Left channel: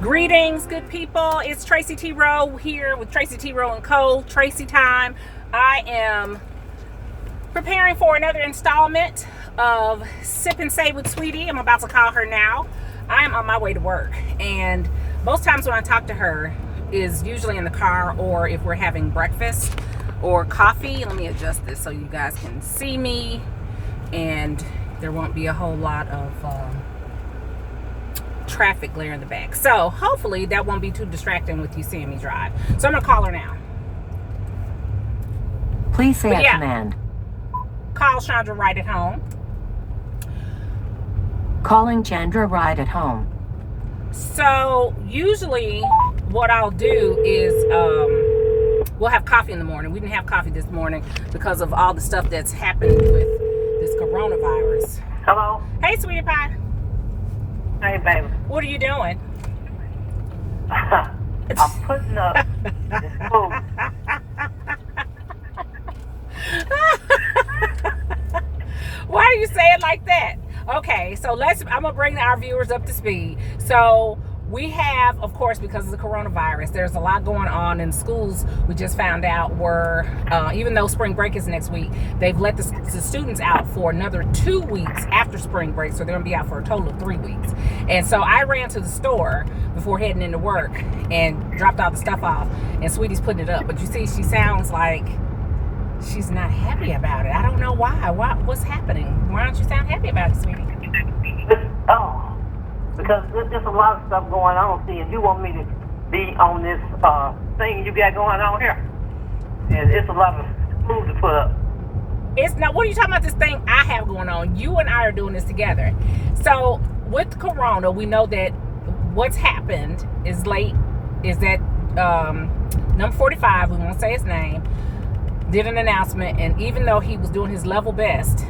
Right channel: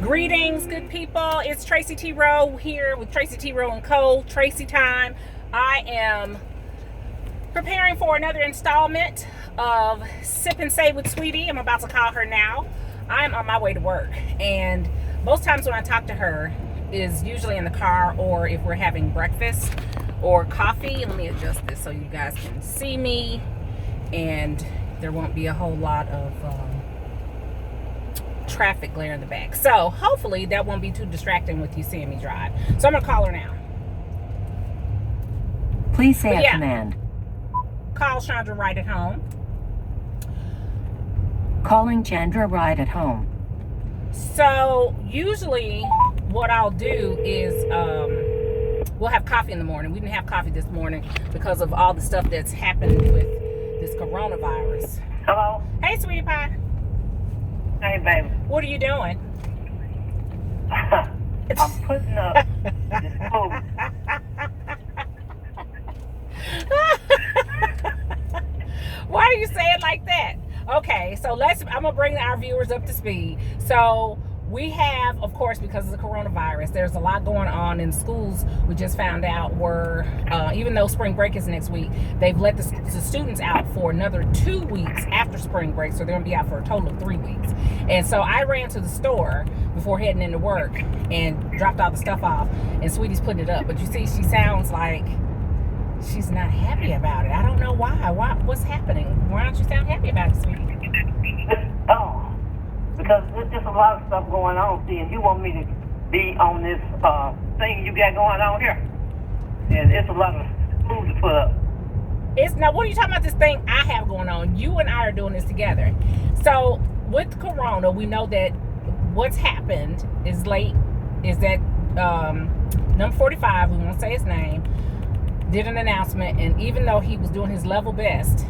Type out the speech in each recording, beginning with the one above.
Greetings, good people. It's Tracy T. Rowe here with Tracy T. Rowe and Co. Tracy time. I am preparing for another installment of Sip and Say with Sweetie. I'm about to call her now. I am on my way to work, and most times when I talk to her is usually in the car or if we're having breakfast or coffee. Let me adjust this so you guys can see me and there won't be a whole lot of traffic glare in the back. So hopefully that won't be too distracting with you seeing me drive. So I'm gonna call her now. Please say a command. Call Chandra right at home. Calling Chandra right at home. So usually what I'll do is we'll have coffee in the morning. We didn't have coffee this morning because of all the stuff that's happened with this coronavirus. Hello? Hey, sweetie pie. Hey, baby. What are you doing? I'm putting up this food. Why do you say it like that? Okay, so I'm gonna bring our viewers up to speed. So we have, of course, because of the coronavirus, there's a lot going on in schools. We just found out even though spring break is next week, they've let the students out for another 2 weeks after spring break. So they're gonna be out for a total of 3 weeks. And so I ran to the store before heading into work and dropped all the stuff off, and Sweetie's putting it up. But you see, she sounds like she's not happy about it. I don't know why. What's happening? Why don't you sound happy about it, Sweetie? Because there's a lot of stuff going on, see, and you want me to be on this thing you got going on here. And it's a lot of food to put up. Now, what are you talking about, this thing I have going on? You and I are doing this together. So with Corona, we know that what's happened is that number 45, we won't say his name, did an announcement, and even though he was doing his level best,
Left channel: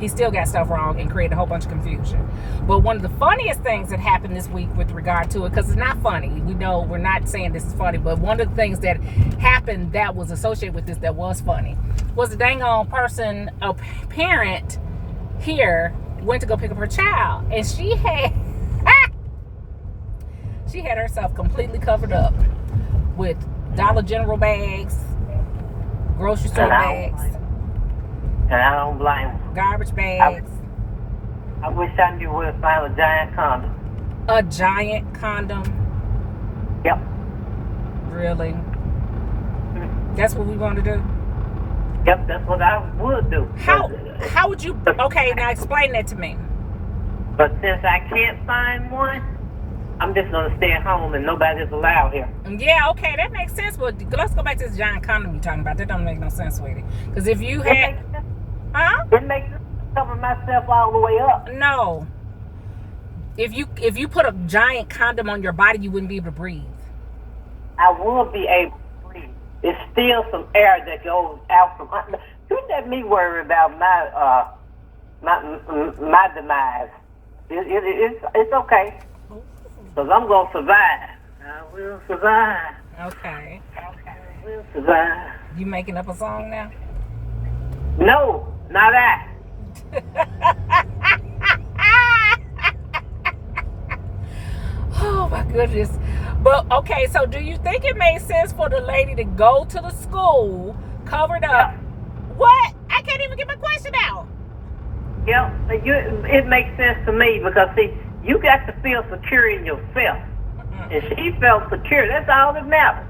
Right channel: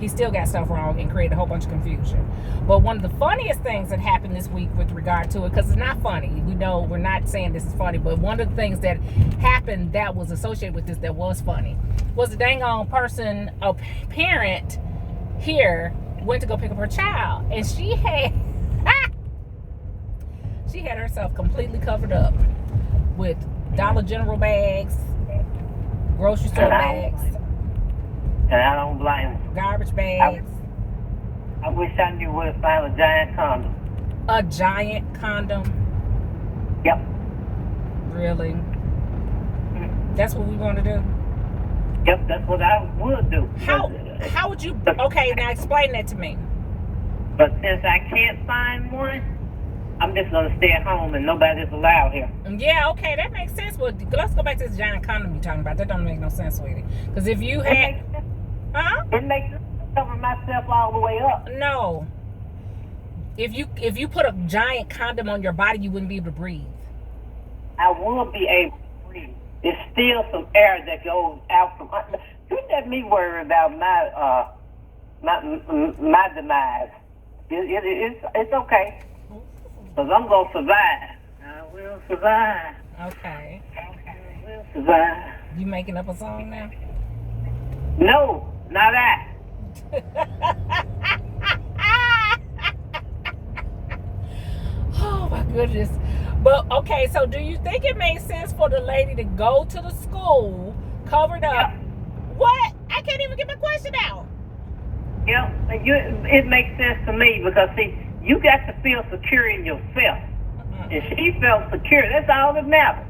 he still got stuff wrong and created a whole bunch of confusion. But one of the funniest things that happened this week with regard to it, because it's not funny, we know we're not saying this is funny, but one of the things that happened that was associated with this that was funny was the dang on person, a parent here, went to go pick up her child, and she had herself completely covered up with Dollar General bags, grocery store bags, and I don't blame them. Garbage bags. I wish I knew where to find a giant condom. A giant condom? Yep. Really? That's what we want to do? Yep, that's what I would do. How would you? Okay, now explain that to me. But since I can't find one, I'm just going to stay at home and nobody's allowed here. Yeah, okay, that makes sense. But let's go back to this giant condom you're talking about. That don't make no sense, sweetie. Because if you had... Huh? It makes sense to cover myself all the way up. No. If you put a giant condom on your body, you wouldn't be able to breathe. I would be able to breathe. There's still some air that goes out from under. Don't let me worry about my demise. It's okay. Because I'm going to survive. I will survive. Okay. I will survive. You making up a song now? No, not that. Oh my goodness. But okay, so do you think it makes sense for the lady to go to the school covered up? Yeah. What? I can't even get my question out. Yeah, it makes sense to me because, see, you got to feel secure in yourself. And she felt secure. That's all that matters.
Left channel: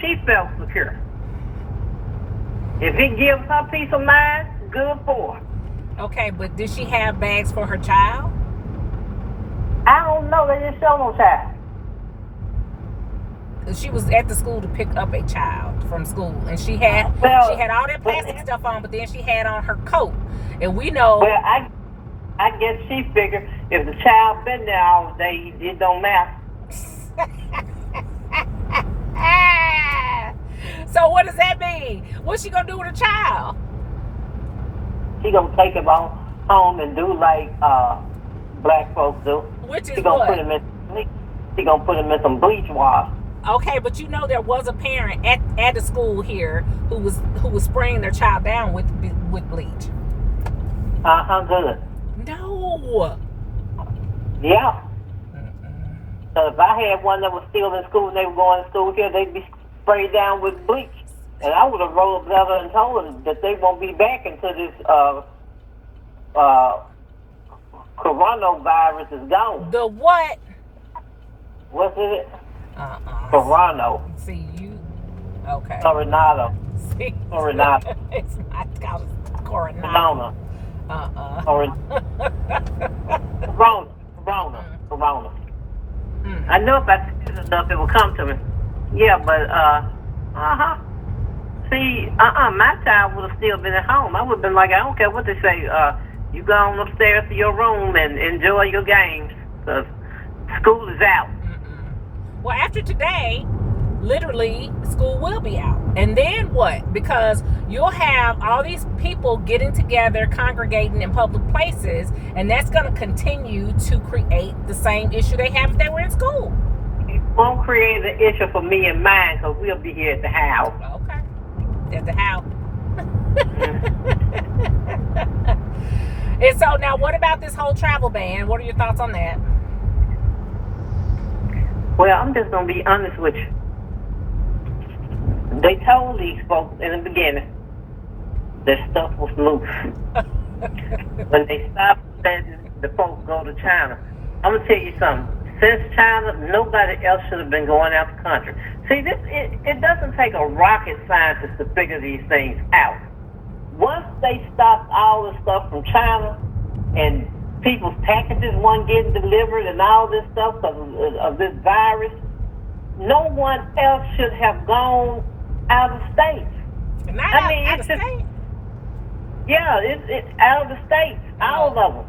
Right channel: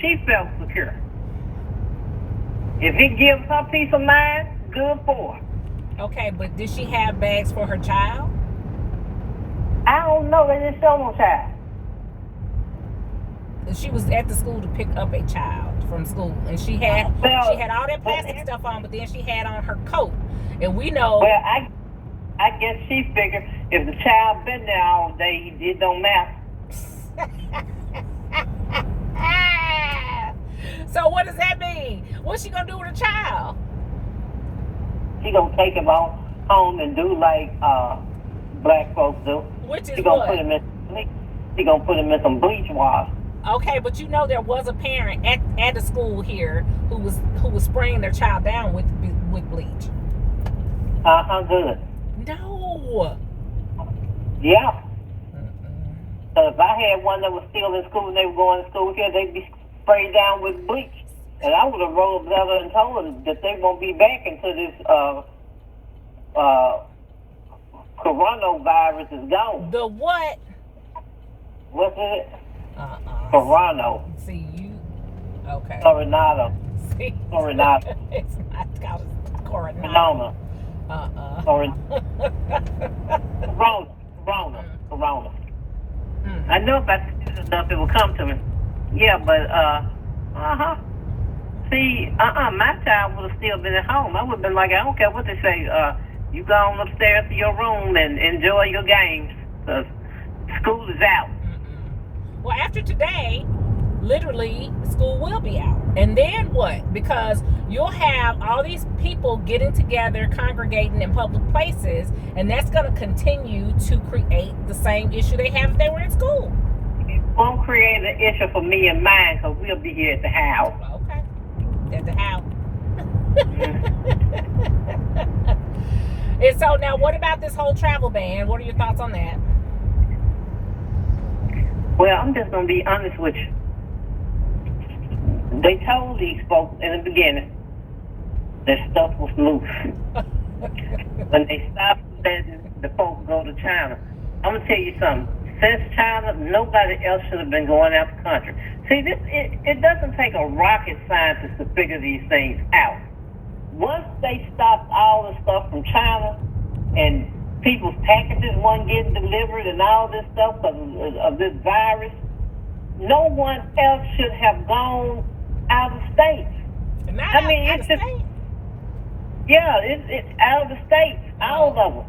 She felt secure. If it gives her peace of mind, good for her. Okay, but did she have bags for her child? I don't know. They didn't show no child. She was at the school to pick up a child from school, and she had all that plastic stuff on, but then she had on her coat, and we know. Well, I guess she figured if the child been there all day, it don't matter. So what does that mean? What's she gonna do with a child? She gonna take him home and do like black folks do. Which is she gonna what? She gonna put him in some bleach water. Okay, but you know there was a parent at the school here who was spraying their child down with bleach. Good. No. Yeah. So if I had one that was still in school and they were going to school here, they'd be sprayed down with bleach. And I would have rolled up leather and told them that they won't be back until this coronavirus is gone. The what? What's it? Corona. See, you. Okay. Coronado. See? Coronado. It's not called Coronado. Corona. Corona. I know if I said the stuff, it will come to me. Yeah, but, See, my child would have still been at home. I would have been like, I don't care what they say. You go on upstairs to your room and enjoy your games, because school is out. Well, after today, literally, school will be out. And then what? Because you'll have all these people getting together, congregating in public places, and that's going to continue to create the same issue they have if they were in school. It won't create an issue for me and mine, because we'll be here at the house. Okay. At the house. And so now, what about this whole travel ban? What are your thoughts on that? Well, I'm just going to be honest with you. They told these folks in the beginning that stuff was loose. When they stopped letting the folks go to China, I'm going to tell you something. Since China, nobody else should have been going out the country. See, it doesn't take a rocket scientist to figure these things out. Once they stopped all the stuff from China and people's packages weren't getting delivered and all this stuff of this virus, no one else should have gone out of the states. Not out of the state? Yeah, it's out of the states, all of them.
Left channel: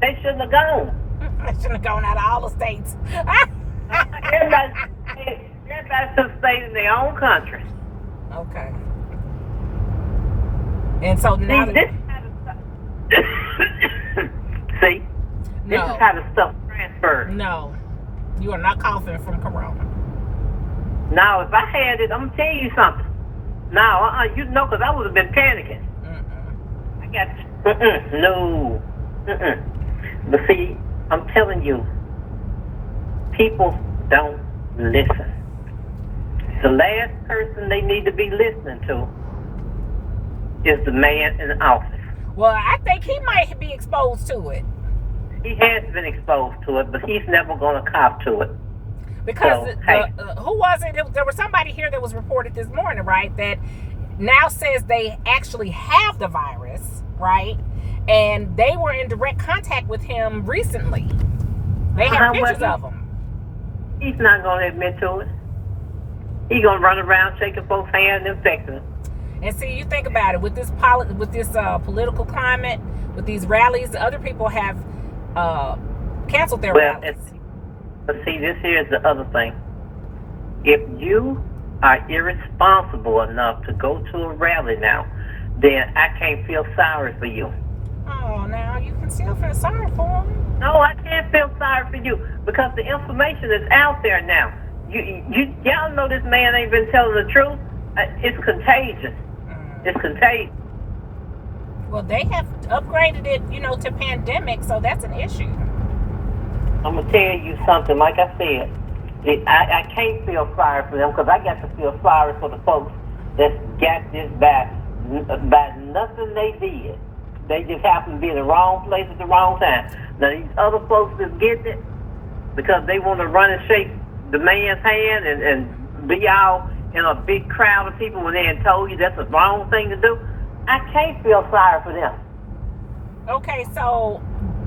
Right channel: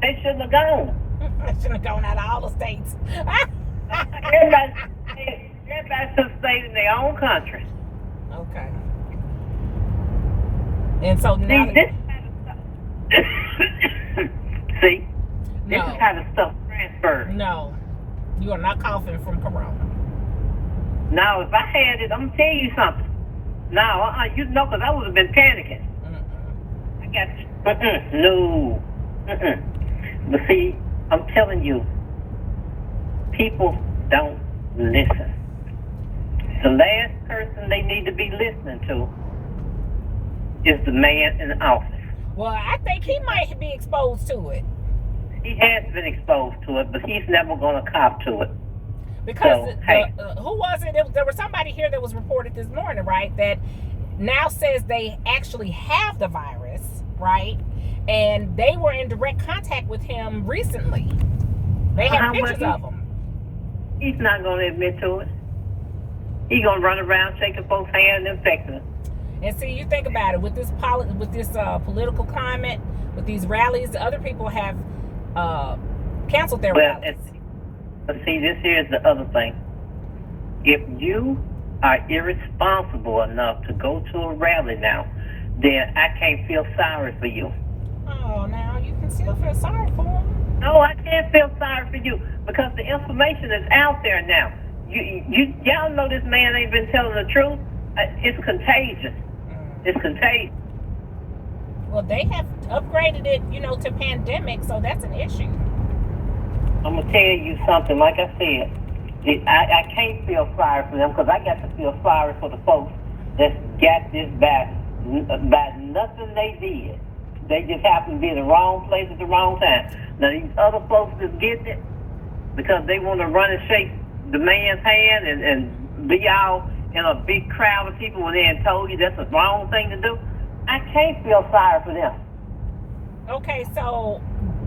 They shouldn't have gone. They shouldn't have gone out of all the states. Everybody should have stayed in their own country. Okay. And so now this is how the stuff transfers. No, you are not coughing from corona. Now, if I had it, I'm going to tell you something. Now, you know, because I would have been panicking. I got you. No. But see, I'm telling you, people don't listen. The last person they need to be listening to is the man in the office. Well, I think he might be exposed to it. He has been exposed to it, but he's never going to cop to it. Because who was it? There was somebody here that was reported this morning, right, that now says they actually have the virus, right? And they were in direct contact with him recently. They have pictures of him. He's not going to admit to it. He's going to run around shaking folks' hands and infecting them. And see, you think about it, with this political climate, with these rallies, other people have canceled their rallies. But see, this here's the other thing. If you are irresponsible enough to go to a rally now, then I can't feel sorry for you. Oh, now you can still feel sorry for him. No, I can't feel sorry for you because the information is out there now. Y'all know this man ain't been telling the truth. It's contagious. It's contagious. Well, they have upgraded it, to pandemic, so that's an issue. I'm going to tell you something. Like I said, I can't feel sorry for them because I got to feel sorry for the folks that got this by nothing they did. They just happened to be in the wrong place at the wrong time. Now, these other folks that's getting it because they want to run and shake the man's hand and be all in a big crowd of people when they had told you that's the wrong thing to do. I can't feel sorry for them. Okay, so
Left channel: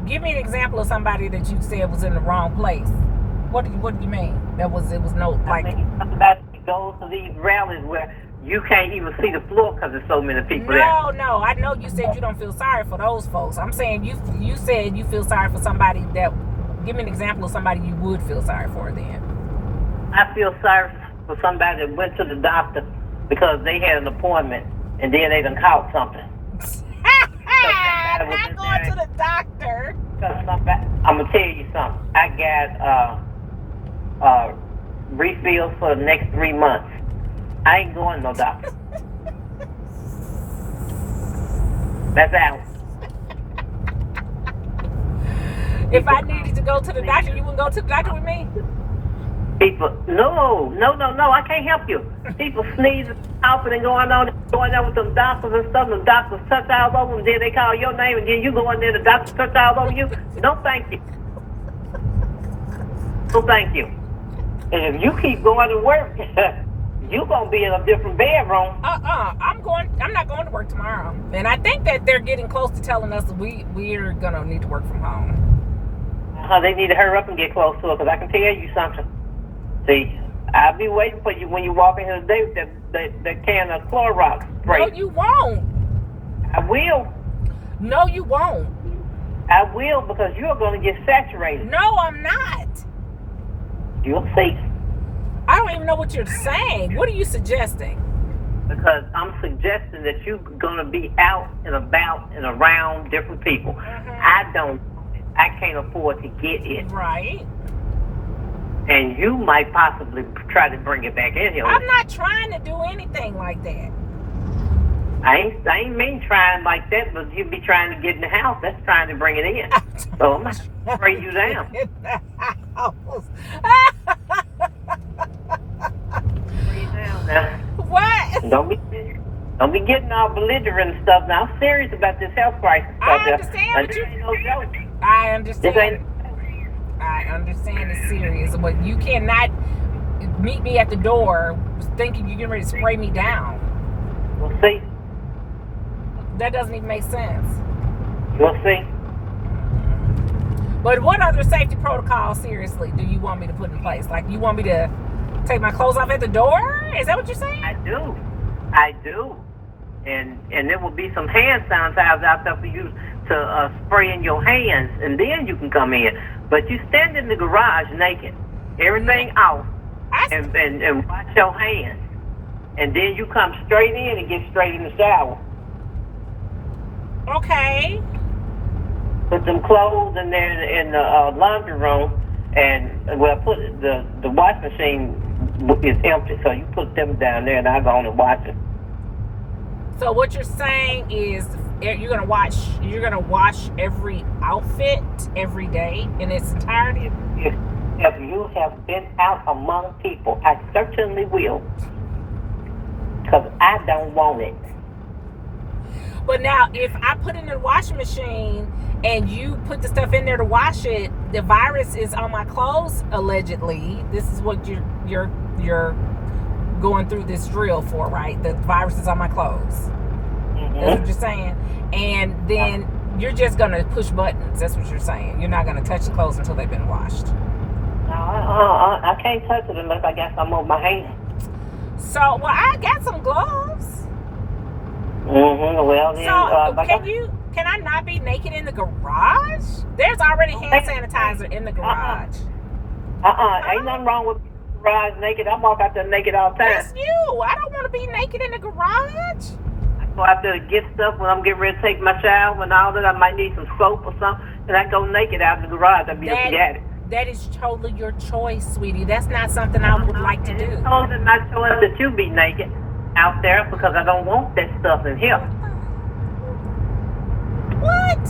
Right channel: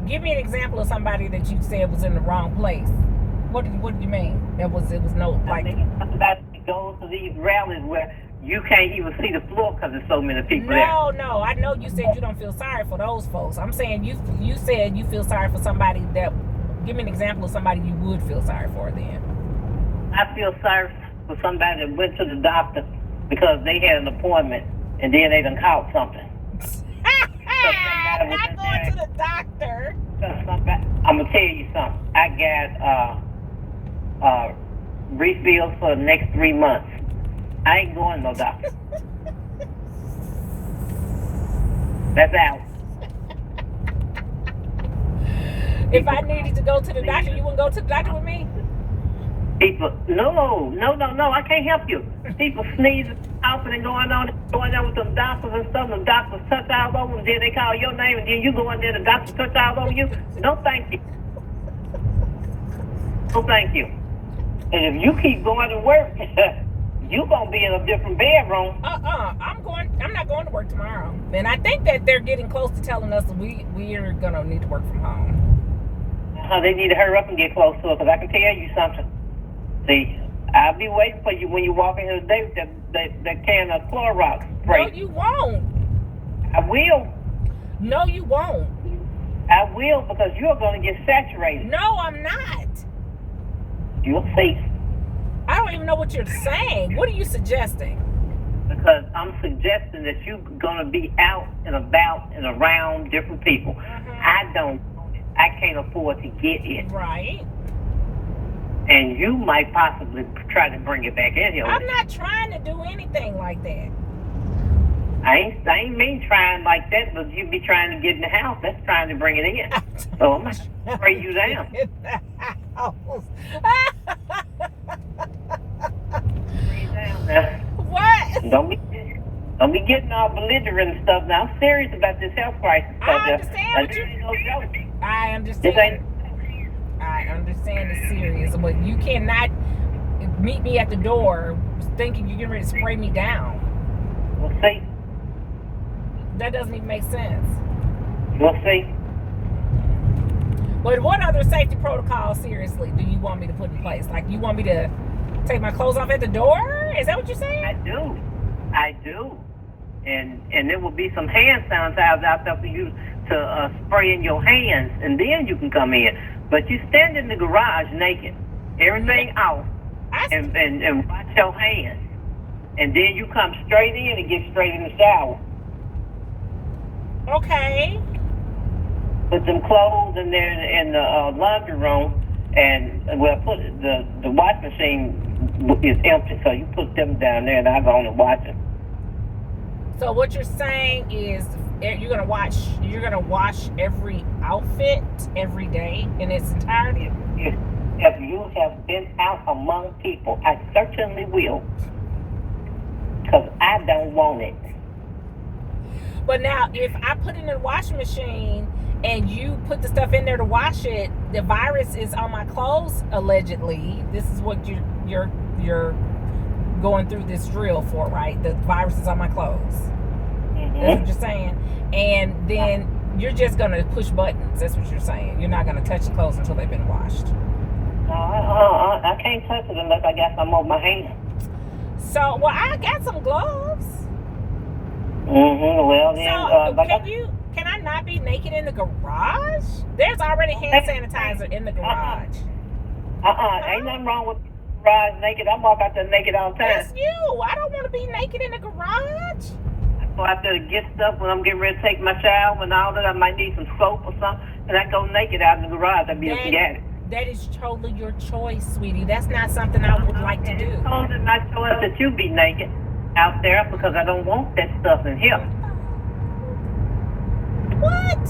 give me an example of somebody that you said was in the wrong place. What do you mean? It was no like. I think somebody goes to these rallies where you can't even see the floor because there's so many people there. No. I know you said you don't feel sorry for those folks. I'm saying you said you feel sorry for somebody that. Give me an example of somebody you would feel sorry for then. I feel sorry for somebody that went to the doctor because they had an appointment and then they done caught something. Not going to the doctor. I'm gonna tell you something. I got refills for the next 3 months. I ain't going to no doctor. That's out. If I needed to go to the doctor, you wouldn't go to the doctor with me? People, no, I can't help you. People sneezing, coughing, and going there with them doctors and stuff. The doctors touch all over them, then they call your name, and then you go in there, the doctors touch all over you. No, thank you. No, thank you. And if you keep going to work, you're going to be in a different bedroom. I'm not going to work tomorrow. And I think that they're getting close to telling us we're going to need to work from home. They need to hurry up and get close to it, because I can tell you something. See, I'll be waiting for you when you walk in here today with that can of Clorox spray. No, you won't. I will. No, you won't. I will, because you're going to get saturated. No, I'm not. You'll see. I don't even know what you're saying. What are you suggesting? Because I'm suggesting that you're going to be out and about and around different people. Mm-hmm. I can't afford to get it. Right. And you might possibly try to bring it back in here. I'm not trying to do anything like that. I ain't mean trying like that, but you be trying to get in the house. That's trying to bring it in. So I'm going to spray you down. In the house. Spray you down now. What? Don't be getting all belligerent and stuff. Now, I'm serious about this health crisis. I understand. I understand. I understand it's serious, but you cannot meet me at the door thinking you're getting ready to spray me down. We'll see. That doesn't even make sense. We'll see. But what other safety protocols, seriously, do you want me to put in place? Like, you want me to take my clothes off at the door? Is that what you're saying? I do. And there will be some hand sanitizers out there for you to spray in your hands, and then you can come in. But you stand in the garage naked, everything off, and wash your hands. And then you come straight in and get straight in the shower. Okay. Put them clothes in there in the laundry room, and put the wash machine is empty, so you put them down there, and I go on and wash them. So what you're saying is you're gonna wash every outfit every day in its entirety? If you have been out among people, I certainly will, because I don't want it. But now, if I put it in the washing machine and you put the stuff in there to wash it, the virus is on my clothes, allegedly. This is what you're going through this drill for, right? The virus is on my clothes. Mm-hmm. That's what you're saying. And then you're just going to push buttons. That's what you're saying. You're not going to touch the clothes until they've been washed. No, I can't touch it unless I got some on my hands. So, well, I got some gloves. Mm-hmm. Well, then, so, can I not be naked in the garage? There's already hand sanitizer in the garage. Ain't nothing wrong with garage naked. I walk out there naked all the time. That's you. I don't want to be naked in the garage. I go out there to get stuff when I'm getting ready to take my shower and all that. I might need some soap or something, and I go naked out in the garage. I'd be able to get it. That is totally your choice, sweetie. That's not something I would like to do. It's totally my choice that you be naked out there, because I don't want that stuff in here. What?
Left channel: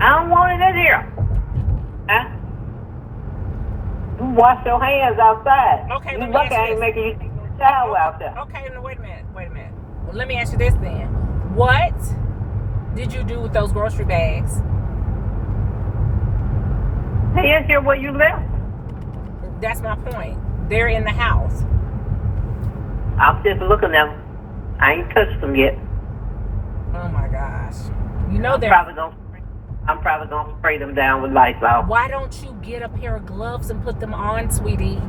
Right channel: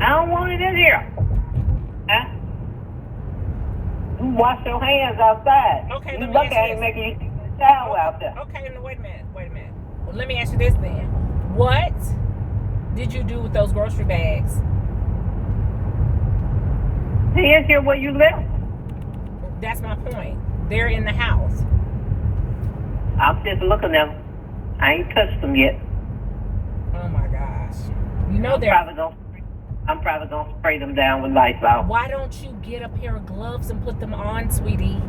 I don't want it in here. Huh? You wash your hands outside. Okay, you look at it making you take a shower out there. Okay, no, wait a minute. Well, let me ask you this then. What did you do with those grocery bags? They in here where you left. That's my point. They're in the house. I'm just looking at them. I ain't touched them yet. Oh my gosh. You know I'm probably gonna spray them down with Lysol. Why don't you get a pair of gloves and put them on, sweetie?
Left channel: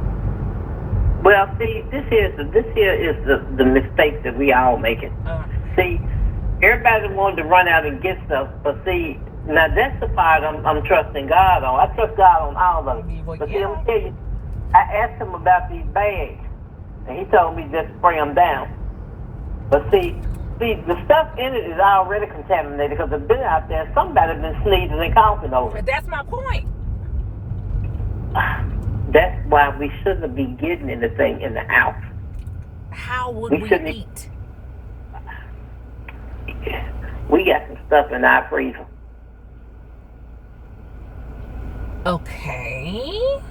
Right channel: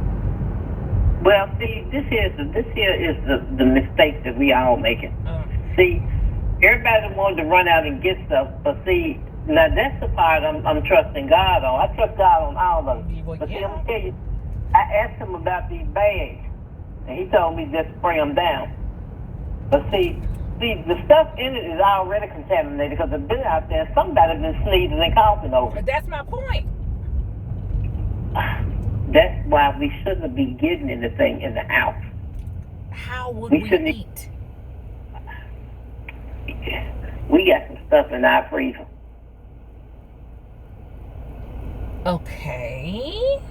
Well, see, this here is the mistake that we all making. See, everybody wanted to run out and get stuff, but see, now that's the part I'm trusting God on. I trust God on all of it. But see, let me tell you, I asked him about these bags, and he told me just spray them down. But see, the stuff in it is already contaminated, because it's been out there. Somebody's been sneezing and coughing over it. That's my point. That's why we shouldn't be getting anything in the house. How would we eat? We got some stuff in our freezer. Okay.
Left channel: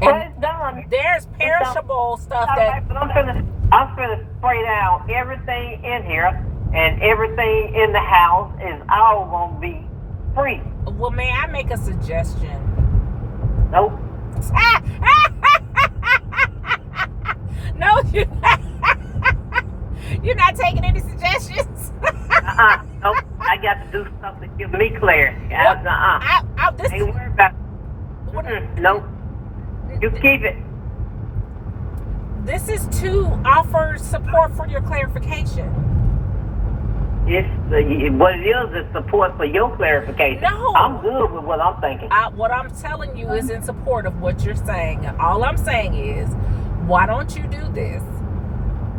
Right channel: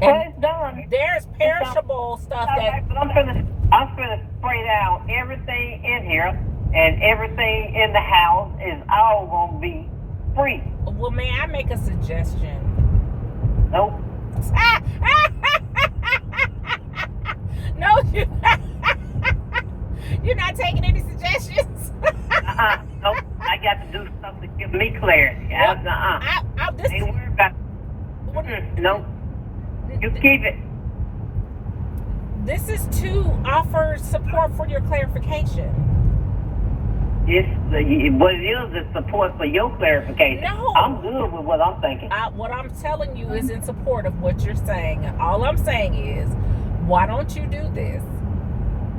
Well, it's done. There's perishable stuff All that. right, but I'm finna spray down everything in here, and everything in the house is all gonna be free. Well, may I make a suggestion? Nope. No, you're not taking any suggestions. Nope. I got to do something to give me clarity. This, Ain't worried about Nope. You keep it. this is to offer support for your clarification. What it is support for your clarification. No. I'm good with what I'm thinking. What I'm telling you is in support of what you're saying. All I'm saying is, why don't you do this?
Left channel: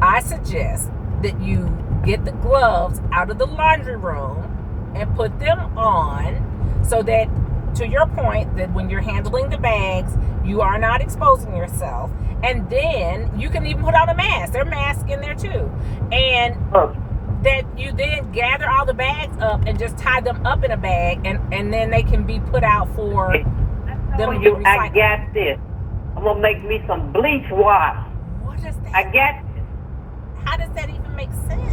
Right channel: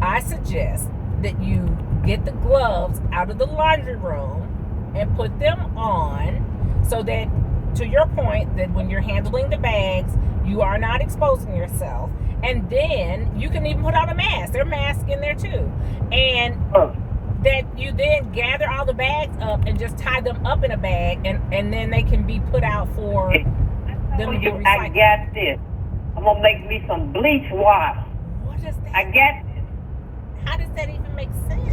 I suggest that you get the gloves out of the laundry room and put them on so that, to your point, that when you're handling the bags, you are not exposing yourself. And then you can even put on a mask. There's masks in there too. And that you then gather all the bags up and just tie them up in a bag, and then they can be put out for them to be recycled. I got this. I'm going to make me some bleach water. What is that? I got this. How does that even make sense?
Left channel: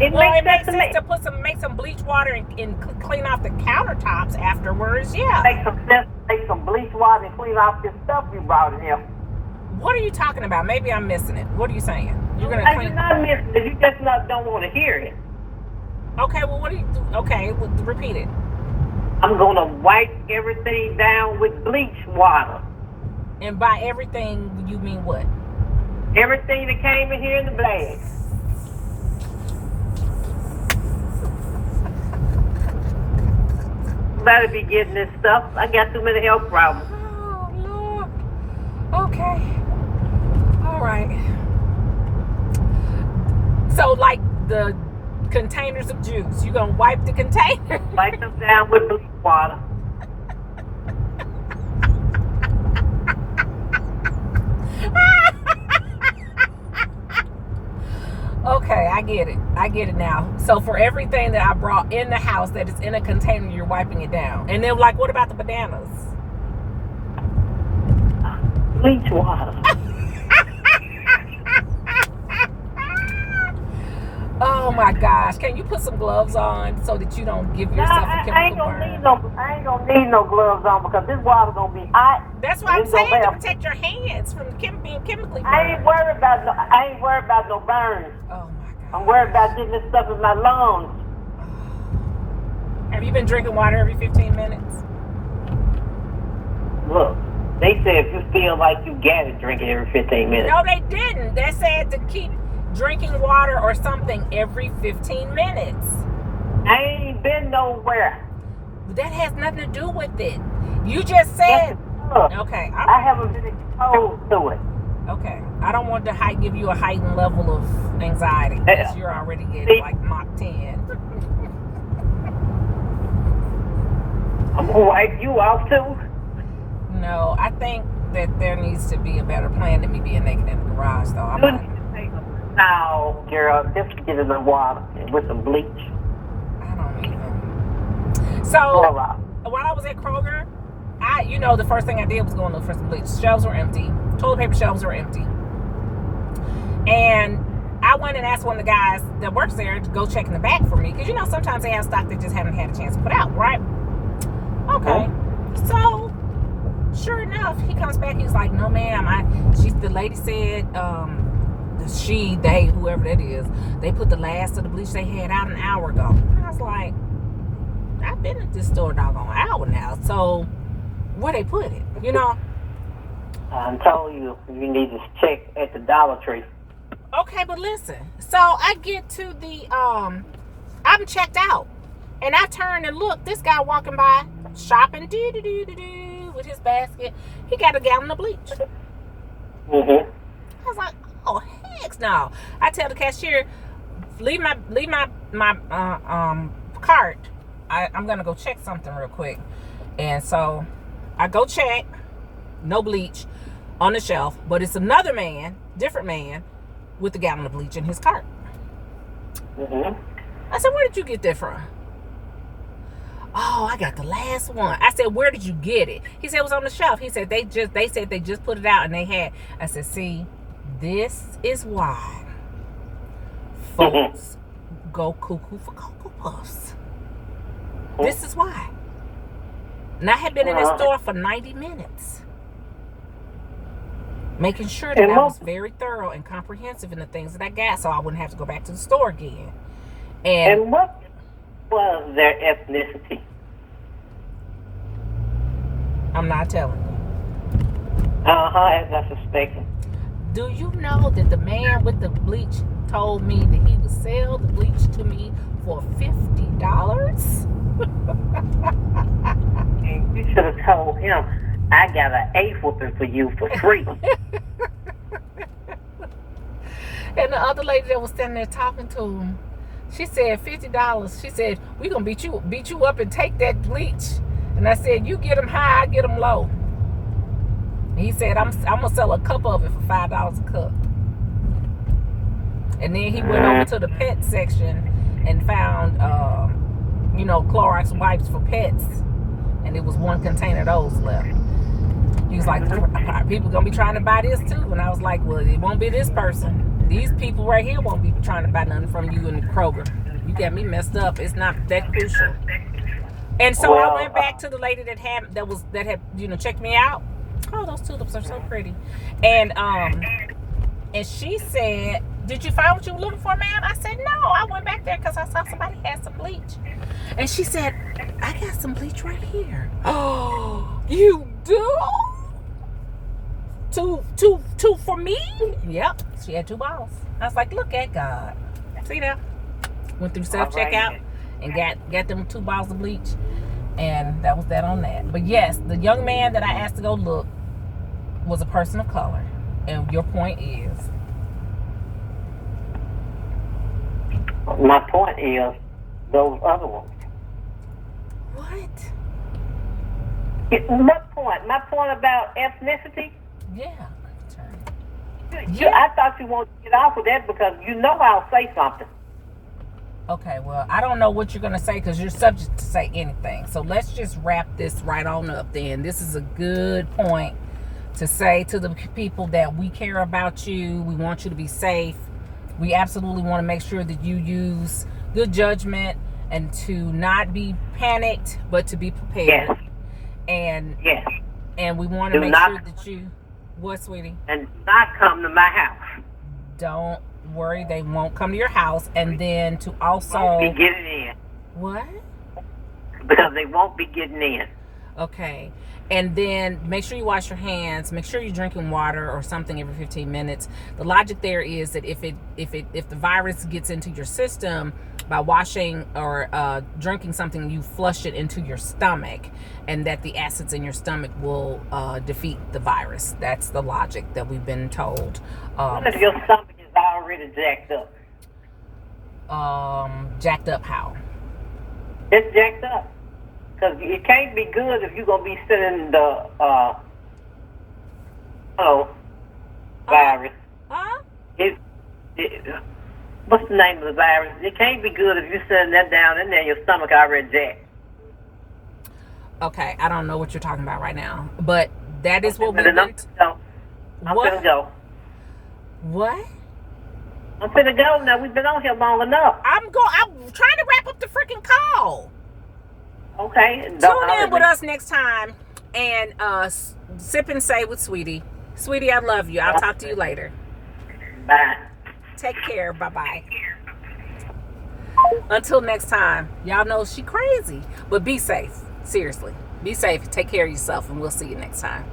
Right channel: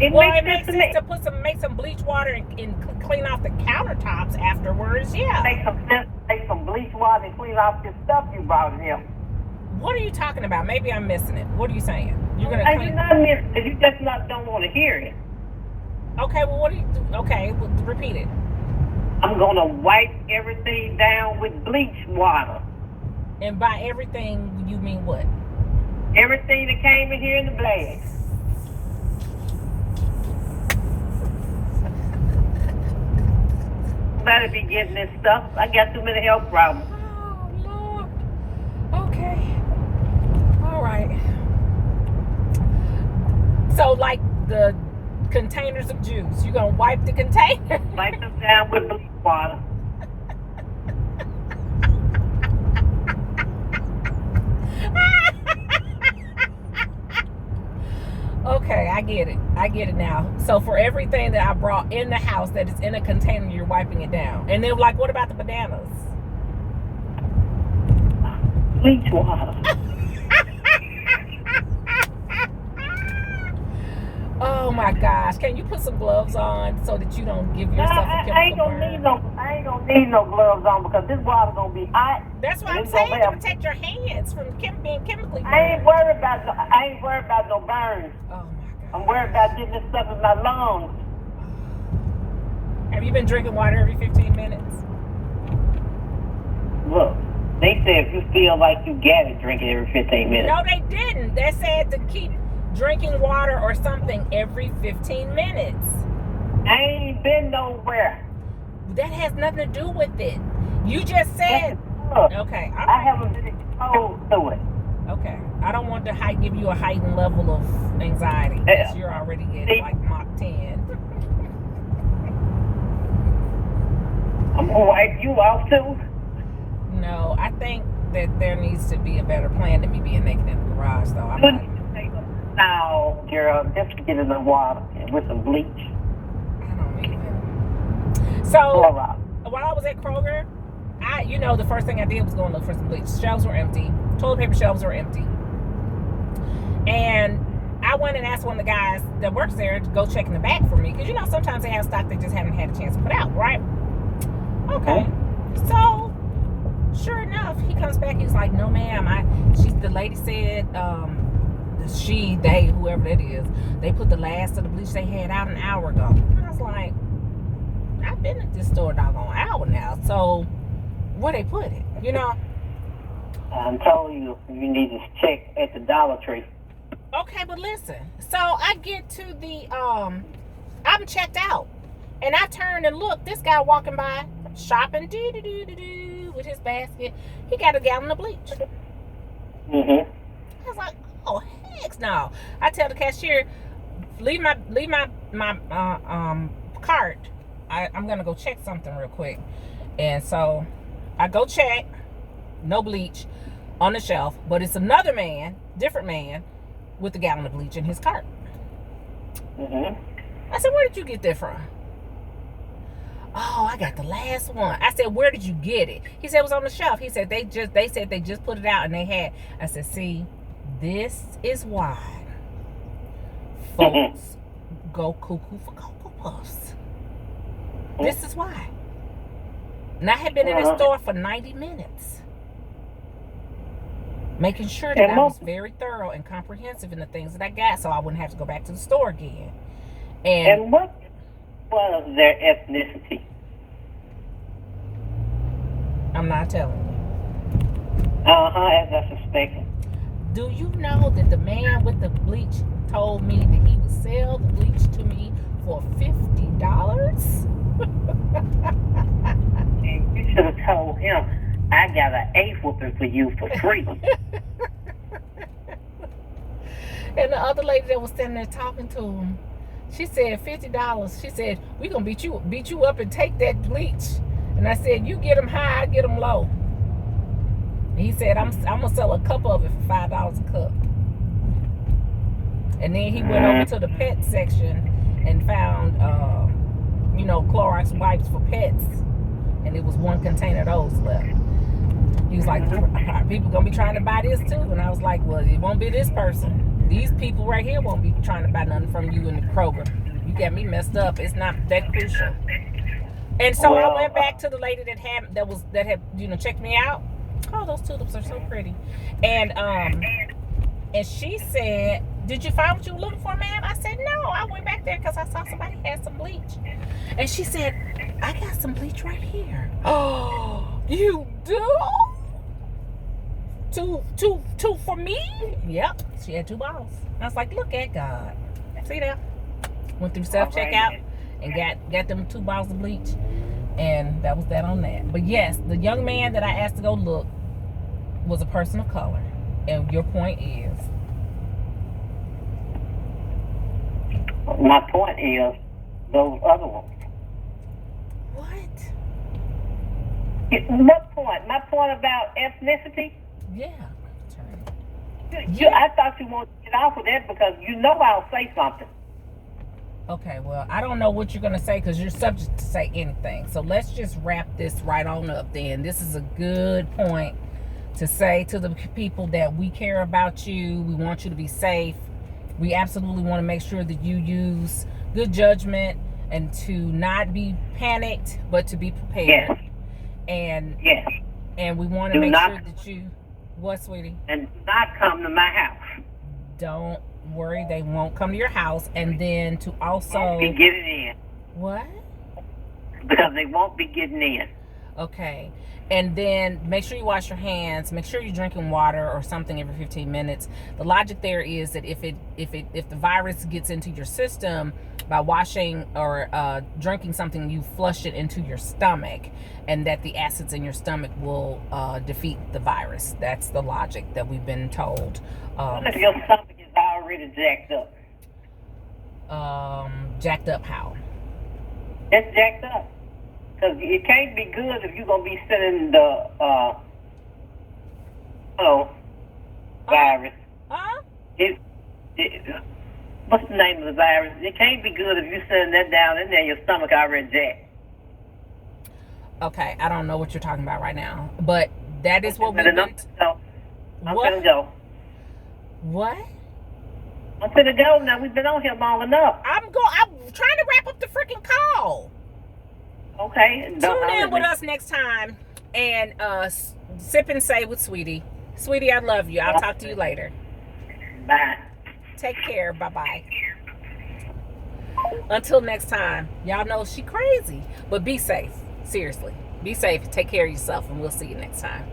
It Well, makes it makes sense sense to make some bleach water and clean off the countertops afterwards. Yeah. Make some bleach water and clean off this stuff you brought in here. What are you talking about? Maybe I'm missing it. What are you saying? You're gonna clean? You're not missing it. You just don't want to hear it. Okay. Well, what do you? Okay, repeat it. I'm gonna wipe everything down with bleach water. And by everything, you mean what? Everything that came in here in the bag. Better be getting this stuff. I got too many health problems. Oh Lord. Okay. All right. So, like the containers of juice, you gonna wipe the container? Wipe them down with bleach water. Okay, I get it. I get it now. So for everything that I brought in the house that is in a container, you're wiping it down. And then, like, what about the bananas? Bleach water. Oh my gosh! Can you put some gloves on so that you don't give yourself a chemical burn? I ain't gonna need no gloves on because this water gonna be hot. That's why I'm saying to protect your hands from being chemically burned. I ain't worried about no burns. Oh my God! I'm worried about getting this stuff in my lungs. Have you been drinking water every 15 minutes? Look, they said if you feel like you gotta drink it every 15 minutes. No, they didn't. They said to keep drinking water or something every 15 minutes. I ain't been nowhere. That has nothing to do with it. You just said. Okay. Right. I haven't been exposed to it. Okay. I don't want to give you a heightened level of anxiety because you're already getting like Mach 10. I'm gonna wipe you off too. No, I think that there needs to be a better plan than me being naked in the garage, though. I'm not. No, girl, just get in the water with some bleach. I don't even. So, while I was at Kroger, the first thing I did was go and look for some bleach. Shelves were empty. Toilet paper shelves were empty. And I went and asked one of the guys that works there to go check in the back for me. Because, sometimes they have stock they just haven't had a chance to put out, right? Okay. So, sure enough, he comes back. He's like, no, ma'am. The lady said, they, whoever that is, they put the last of the bleach they had out an hour ago. And I was like, I've been at this store doggone hour now. So, where they put it, I told you need to check at the Dollar Tree. Okay, but listen. So, I get to the, I'm checked out. And I turned and looked. This guy walking by, shopping, with his basket. He got a gallon of bleach. Mm-hmm. I was like, oh, heck no. I tell the cashier, leave my cart. I'm gonna go check something real quick. And so I go check, no bleach on the shelf, but it's another man, different man, with a gallon of bleach in his cart. Mm-hmm. I said, where did you get that from? Oh, I got the last one. I said, where did you get it? He said it was on the shelf. He said they said they just put it out and they had. I said, see, this is why folks go cuckoo for Cocoa Puffs. This is why. And I had been in the store for 90 minutes. Making sure that I was very thorough and comprehensive in the things that I got so I wouldn't have to go back to the store again. And what was their ethnicity? I'm not telling you. As I suspected. Do you know that the man with the bleach told me that he would sell the bleach to me for $50? And you should have told him, I got an A whooping for you for free. And the other lady that was standing there talking to him, she said $50. She said, we gonna beat you up and take that bleach. And I said, you get them high, I get them low. And he said, I'm gonna sell a cup of it for $5 a cup. And then he went over to the pet section and found Clorox wipes for pets. And it was one container of those left. He was like, people gonna be trying to buy this too. And I was like, well, it won't be this person. These people right here won't be trying to buy nothing from you in the Kroger. You got me messed up. It's not that crucial. And so I went back to the lady that had checked me out. Oh, those tulips are so pretty. And she said, did you find what you were looking for, ma'am? I said, no, I went back there because I saw somebody had some bleach. And she said, I got some bleach right here. Oh, you do? Two for me? Yep. She had 2 bottles. I was like, look at God. See that? Went through self-checkout and got them 2 bottles of bleach. And that was that on that. But yes, the young man that I asked to go look was a person of color. And your point is? My point is those other ones. What? What point? My point about ethnicity? Yeah. I thought you wanted to get off of that because you know I'll say something. Okay, well, I don't know what you're going to say because you're subject to say anything. So let's just wrap this right on up then. This is a good point to say to the people that we care about you. We want you to be safe. We absolutely want to make sure that you use good judgment and to not be panicked, but to be prepared. Yes. And we want to make sure that you... What, sweetie? And not come to my house. Don't worry, they won't come to your house. And then to also... Won't be getting in. What? Because they won't be getting in. Okay. And then make sure you wash your hands. Make sure you're drinking water or something every 15 minutes. The logic there is that if the virus gets into your system by washing or drinking something, you flush it into your stomach, and that the acids in your stomach will defeat the virus. That's the logic that we've been told. What if your stomach is already jacked up? Jacked up how? It's jacked up. Because it can't be good if you're going to be sending the virus. Huh? What's the name of the virus? It can't be good if you're sending that down in there, your stomach already jacked. Okay, I don't know what you're talking about right now. But that is what we've been... I'm finna go. What? I'm finna go now. We've been on here long enough. I'm trying to wrap up the freaking call. Okay. Tune in with us next time and sip and say with Sweetie. Sweetie, I love you. I'll talk to you later. Bye. Take care. Bye-bye. Until next time. Y'all know she crazy. But be safe. Seriously. Be safe. Take care of yourself, and we'll see you next time.